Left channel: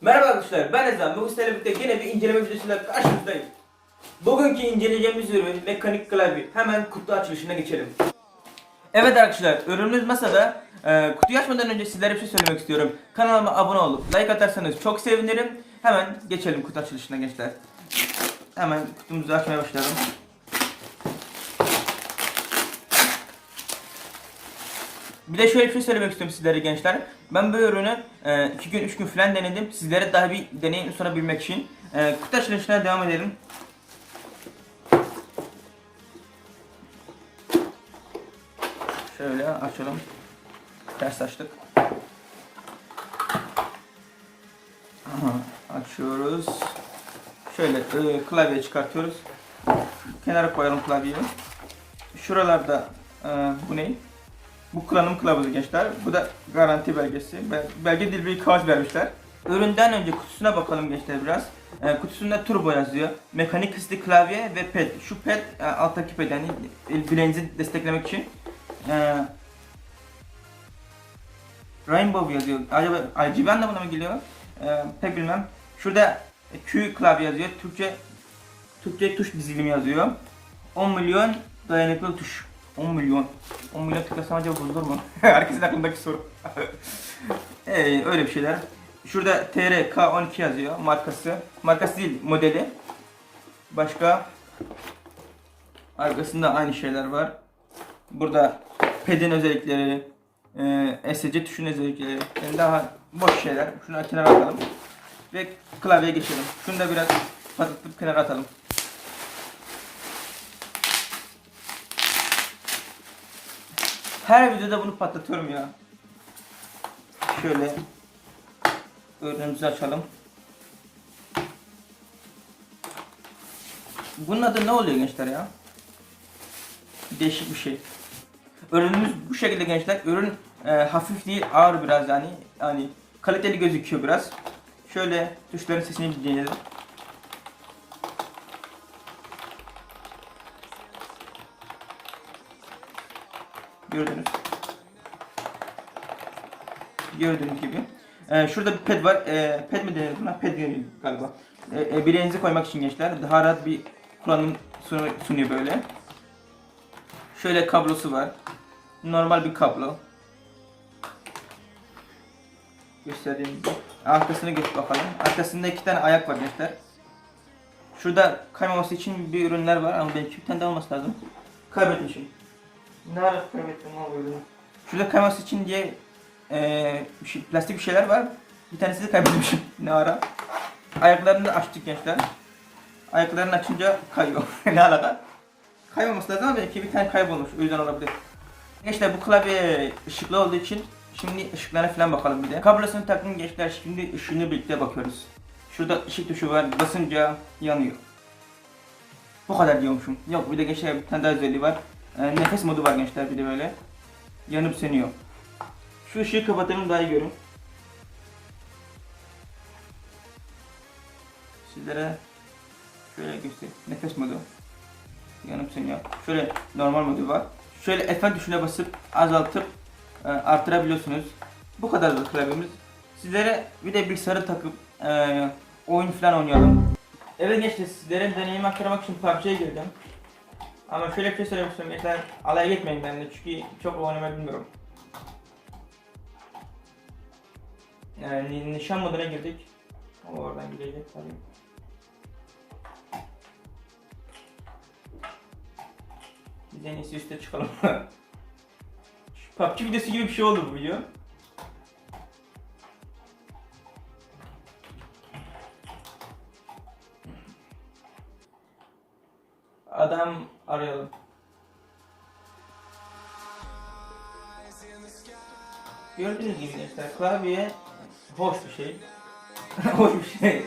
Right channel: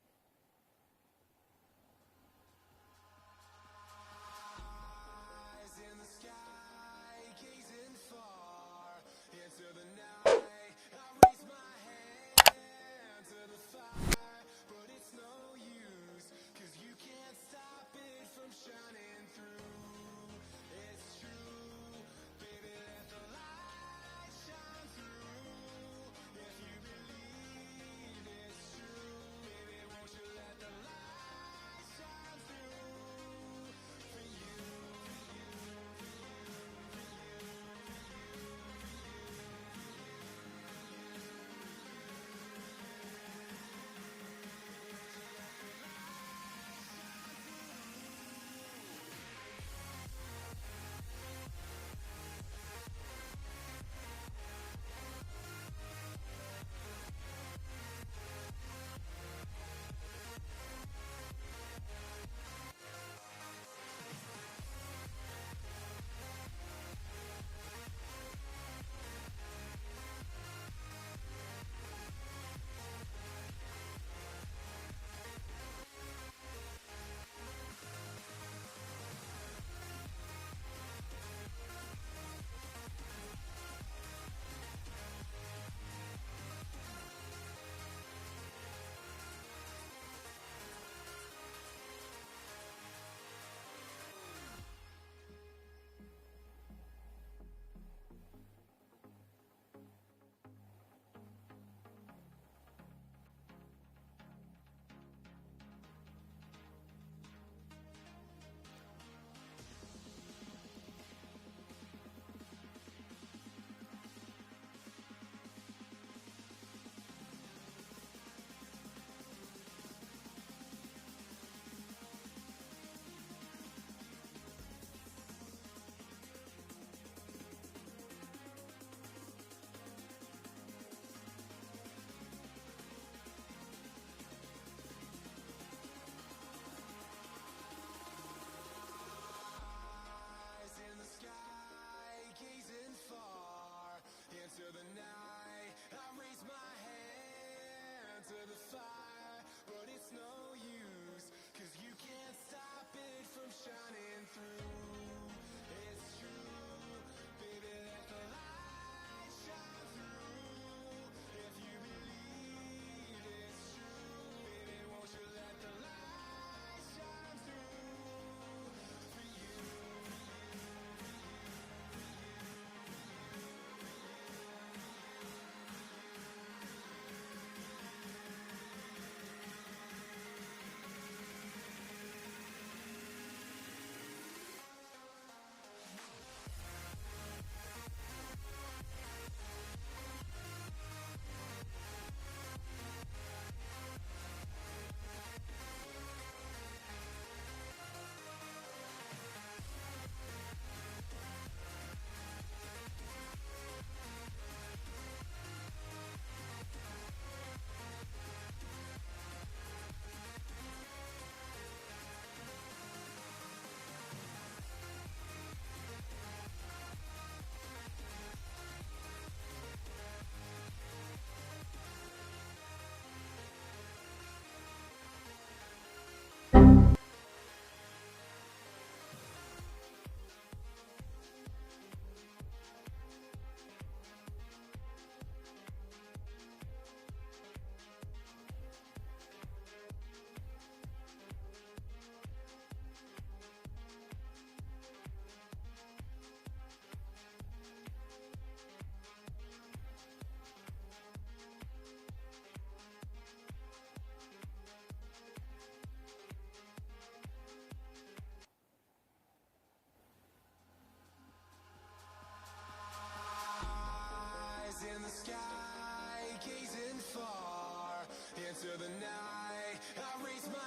Merhaba arkadaşlar ben Ezan. Bugün sizlerle birlikte yine bir inceleme videosuyla karşınızdayım. Bugünkü inceleyeceğimiz ürün mekanik klavye. Hemen kutu açılışına geçelim. Evet arkadaşlar ürünümüz masada. Ee, kutuyu açmadan önce sizlere bir şey söylemek istiyorum. Kanalıma abone olup like atarsanız çok sevinirim. Hemen geçelim kutu açılışına gençler. Hemen kutumuzu açmaya başlayalım. Bir de şöyle bir şey söylemek istiyorum sizlere gençler. Ben bu ürünü 2 gün 3 gün falan denedim. Sizlere daha bir deneyim sunabilmek için. E, kutu açılışına devam edelim. Şöyle açalım. Ters açtık. Aha, açıyoruz. Şöyle e, klavye çıkartıyoruz. Kenara koyalım klavyeyi. Şuralarda e, bu ne? Bu kullanım kılavuzu gençler. Bu da garanti belgesi. Bel- Belge dil bir kağıt vermişler. Üründen önce kutusuna bakalım gençler biraz. E, kutusunda turbo yazıyor. Mekanik hızlı klavye ve ped. Şu ped e, alttaki ped yani bileğinizi desteklemek için. E, Rainbow yazıyor. Acaba RGB anlamına mı geliyor? E, pek bilmem. Şurada Q klavye yazıyor. Türkçe Türkçe tuş dizilimi yazıyor. 10 milyon dayanıklı tuş. 10 milyon. 10 milyon tıklasam acaba bozulur mu? Herkesin aklındaki soru. ee, öyle bir şeyler. Şurada TRK12 yazıyor markası. Markası değil modeli. Başka arkasında aynı şeyler var. Burada pedin özellikleri, e, SC tuşun özellikleri, yani daha boş şeyler. Şunu kenara atalım. Ve klavyeye geçelim. Şunu da biraz patlatıp kenara atalım. Her videoda bunu patlatıyorum ya. Şöyle ürünümüzü açalım. Bunun adı ne oluyor gençler ya? Değişik bir şey. Ürünümüz bu şekilde gençler. Ürün e, hafif değil, ağır biraz yani. Yani kaliteli gözüküyor biraz. Şöyle tuşların sesini dinleyelim. Gördünüz. Gördüğünüz gibi. Ee, şurada bir ped var. Ee, ped mi denir buna? Ped denir galiba. Ee, e, bileğinizi koymak için gençler. Daha rahat bir kullanım sunu- sunuyor böyle. Şöyle kablosu var. Normal bir kablo. Gösterdiğim. Arkasını geç bakalım. Arkasında iki tane ayak var gençler. Şurada kaymaması için bir ürünler var ama belki bir tane daha olması lazım. Kaybetmişim. Ne ara kaybettim o ürünü? Şurada kayması için diye bir şey- plastik bir şeyler var. Bir tanesi de kaybetmişim. ne ara? Ayaklarını açtık gençler. Ayaklarını açınca kayıyor. ne alaka? Kaymaması lazım ama belki bir tane kaybolmuş. O yüzden olabilir. Gençler bu klavye ışıklı olduğu için şimdi ışıklarına falan bakalım bir de. Kablosunu takın gençler şimdi ışığını birlikte bakıyoruz. Şurada ışık tuşu var basınca yanıyor. Bu kadar diyormuşum. Yok bir de gençler bir tane daha özelliği var. Ee, nefes modu var gençler bir de böyle. Yanıp sönüyor. Şu ışığı kapatalım daha iyi görün. Sizlere şöyle göstereyim. Nefes modu. Yanıp sönüyor. Şöyle normal modu var. Şöyle F tuşuna basıp azaltıp e, artırabiliyorsunuz. Bu kadar da klavyemiz. Sizlere bir de bilgisayarı takıp e, oyun falan oynayalım. Evet gençler sizlere deneyimi aktarmak için PUBG'ye girdim. Ama şöyle bir şey söylemek istiyorum gençler alay geçmeyin benimle çünkü çok oynamayı bilmiyorum. Yani nişan moduna girdik. O oradan gidecek tabii. Biz en iyisi üste çıkalım. PUBG videosu gibi bir şey oldu bu video. Arayalım. Gördüğünüz gibi gençler klavye hoş bir şey. hoş bir şey.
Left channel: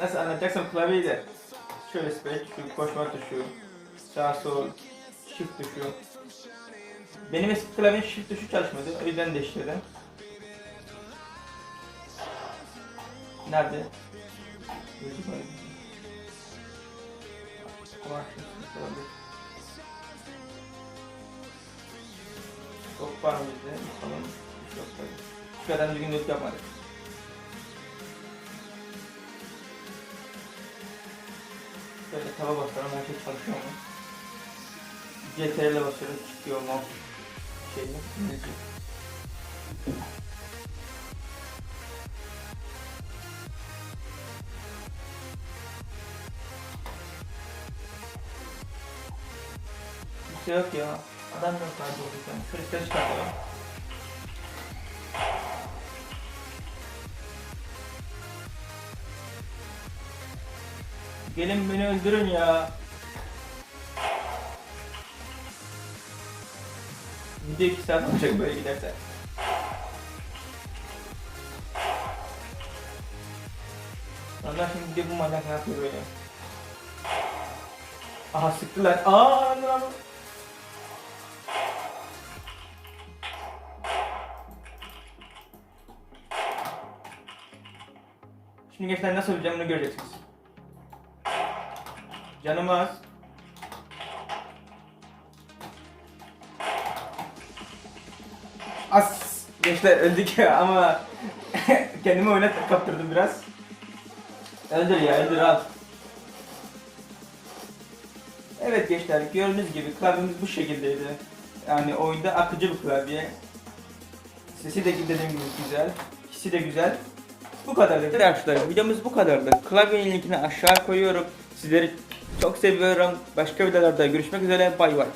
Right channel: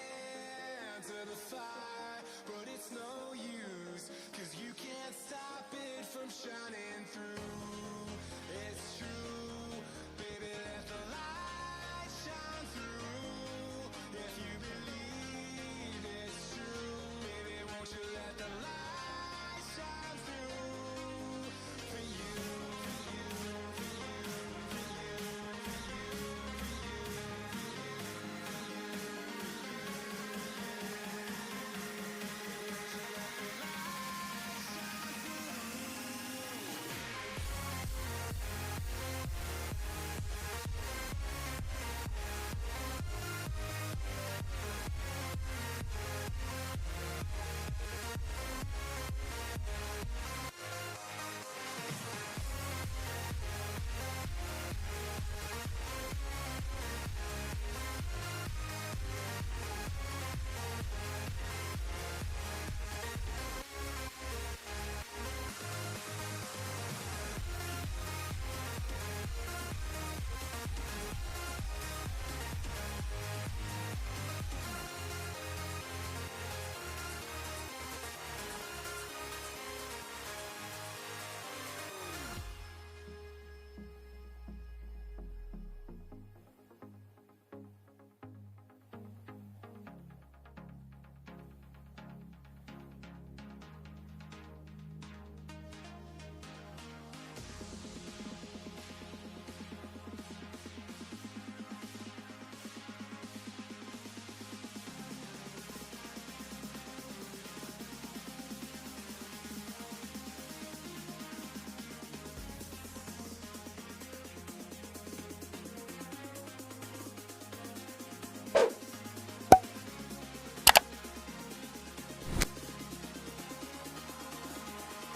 Nasıl anlatacaksam klavyeyi de şöyle spek, şu koşma tuşu, sağ sol, shift tuşu. Benim eski klavyem shift tuşu çalışmadı. O yüzden değiştirdim. Nerede? Çok var mıydı? Tamam. Şu kadar bir gün not yaparız. Şöyle tava bakalım. Herkes çalışıyor mu? GTR'le basıyorum. Tutuyor mu? Geliyor. Şey yok ya. Adam lan burada. Kırıkları. Gelin beni öldürün ya. Video 2 saat olacak böyle giderse. Allah şimdi bir bu manyak ne yapıyor böyle? Aha sıktılar. Aa gençler nasıl öleceğim bunu göreceksiniz. Canım az. As gençler öldük ama kendimi oyuna kaptırdım biraz. Öldür ya öldür al. Evet gençler gördüğünüz gibi klavyemiz bu şekildeydi. Yani oyunda akıcı bir klavye. Sesi de dediğim gibi güzel. Hissi de güzel. Bu kadardı. Arkadaşlar videomuz bu kadardı. Klavyenin linkini aşağı koyuyorum. Sizleri çok seviyorum. Başka videolarda görüşmek üzere. Bay bay.